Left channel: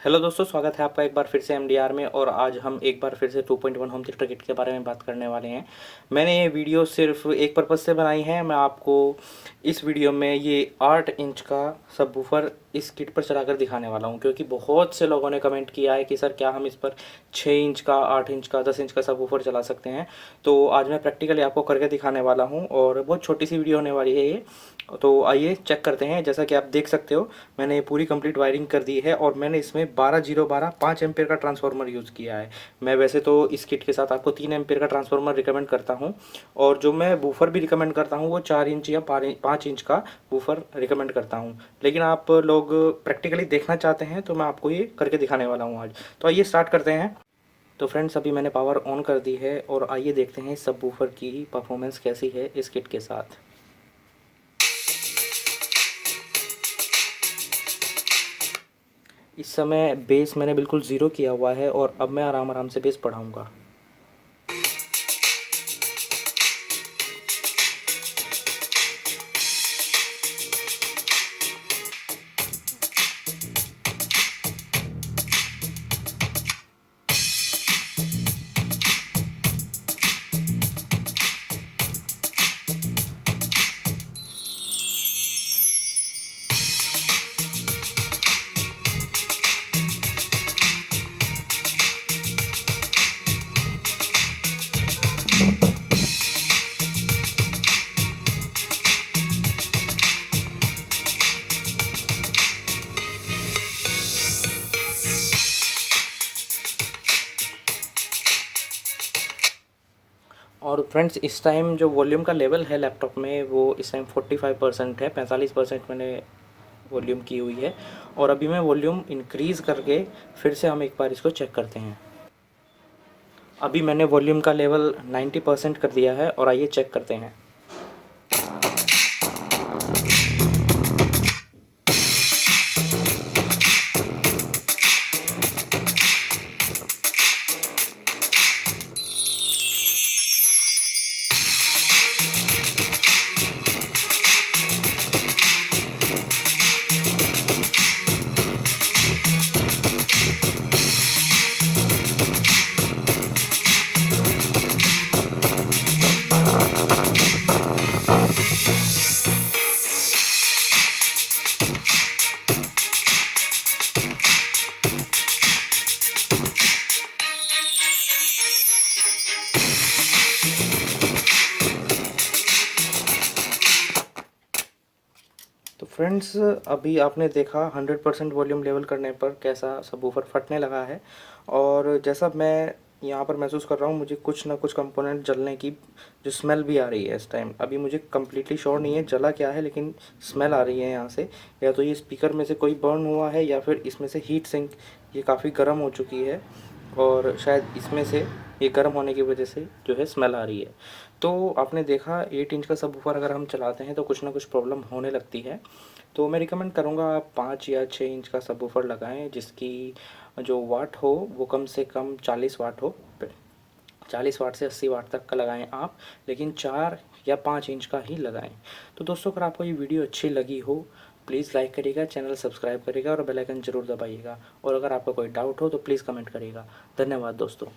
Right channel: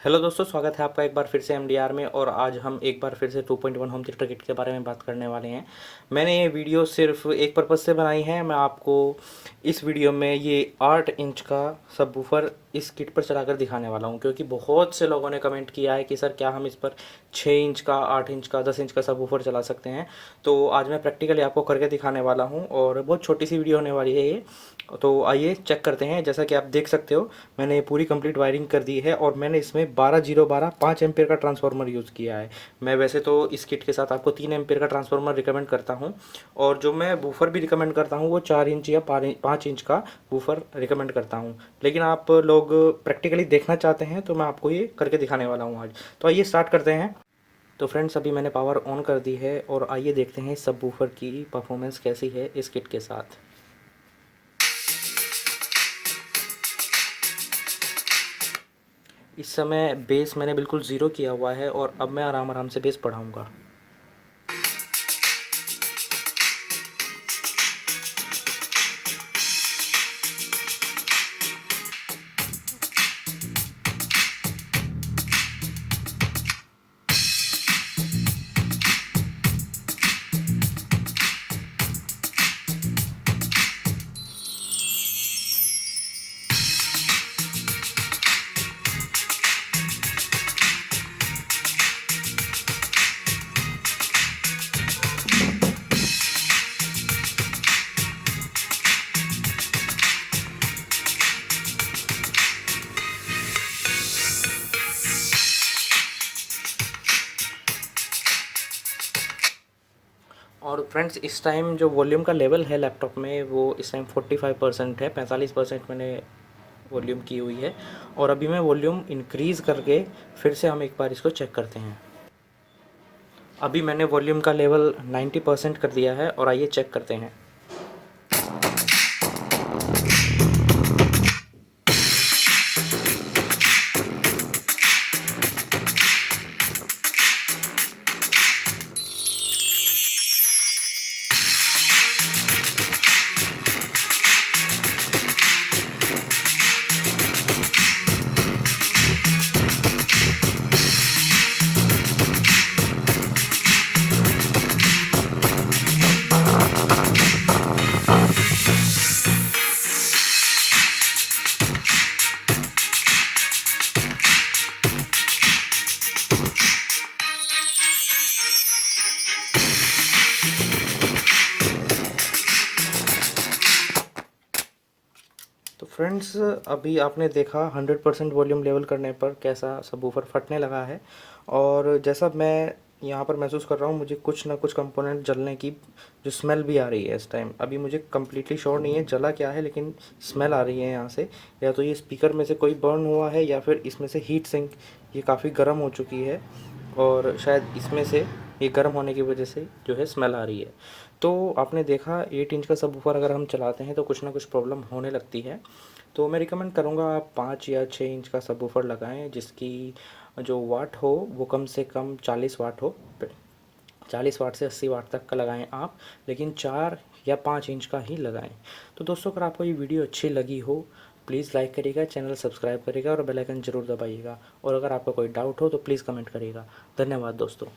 Hello दोस्तों, स्वागत है आपका एक बार फिर से एमडीआर में। और आज हम एक बार फिर से 2.1 होम थिएटर किट के बारे में बात करने वाले हैं। मैंने ये वीडियो सिर्फ एक पर्पज़ से बनाई है। मैं आपको इस वीडियो में ये 8 इंच का सबवूफर इस किट पर चलाकर दिखाने वाला हूँ, क्योंकि बहुत से लोगों ने कमेंट किया है कि सर क्या हम इस पर 6 इंच का, 8 इंच का, 10 इंच का सबवूफर चला सकते हैं। तो आज मैं प्रैक्टिकली आपको करके दिखाने वाला हूँ और बहुत छोटी सी वीडियो होने वाली है ये। तो आइए चेक करते हैं। जैसा कि आप देख सकते हो, मैंने ये पूरी कंप्लीट वायरिंग कर दी है और मैंने इसमें 12 5 एम्पेयर का ट्रांसफार्मर यूज़ किया है। मैं वैसे तो इस किट के साथ आपको 3 एम्पेयर का ट्रांसफार्मर रिकमेंड करता हूँ, और जो मैं वूफर भी रिकमेंड करता हूँ वो 4 इंच या 5 इंच का वूफर रिकमेंड करता हूँ। लेकिन आप लोग प्रैक्टिकली देखना चाहते हैं तो मैं आपको ये करके दिखाने वाला हूँ आज। तो आइए स्टार्ट करते हैं। तो फ्रेंड्स, अभी मैंने पावर ऑन कर दी है और आइए देखते हैं सब वूफर की परफॉर्मेंस कैसी है इस किट के साथ। इस समय बेस मैंने बिल्कुल ज़ीरो किया हुआ है और अब मैं आराम आराम से बेस बढ़ाऊंगा। और फ्रेंड्स, इस टाइम जो वॉल्यूम का लेवल है लैपटॉप में वो इस टाइम 45% है। 45% मैंने वॉल्यूम की हुई है। और अभी मैं वॉल्यूम इंक्रीज़ करके फिर से हम एक बार इसको चेक करते हैं। अभी मैंने वॉल्यूम का लेवल 90% कर दिया है और आइए चेक करते हैं। तो फ्रेंड्स, अभी आपने देखा 100% वॉल्यूम लेवल करने पर कैसा सबवूफर फटने लगा है। और जैसा मैं यहाँ पर महसूस कर रहा हूँ, मुझे कुछ ना कुछ कंपोनेंट जलने की जो स्मेल भी आ रही है इस टाइम। अभी मुझे कम्प्लीटली श्योर नहीं है जला क्या है, लेकिन स्मेल आ रही है यहाँ से। या तो ये स्पीकर में से कोई बर्न हुआ है या फिर इसमें से हीट सिंक ये काफ़ी गर्म हो चुकी है, और शायद इसमें से ये गर्म होने की वजह से जो है स्मेल आ रही है। तो आपने देखा 8 इंच का सबवूफर अगर हम चलाते हैं तो कुछ ना कुछ प्रॉब्लम होने लगती है। तो मैं रिकमेंड करूँगा आप 5 या 6 इंच का सबवूफर लगाएं, जिसकी जो वाट हो वो कम से कम 40 वाट हो। 40 वाट से 80 वाट तक का लगाएं आप, लेकिन 4 या 5 इंच का ही लगाएं। तो दोस्तों, अगर आपको ये वीडियो अच्छी लगी हो प्लीज़ लाइक करिएगा, चैनल सब्सक्राइब करिएगा और बेल आइकन ज़रूर दबाइएगा। और अगर आपका कोई डाउट हो तो प्लीज़ कमेंट करिएगा। धन्यवाद दोस्तों।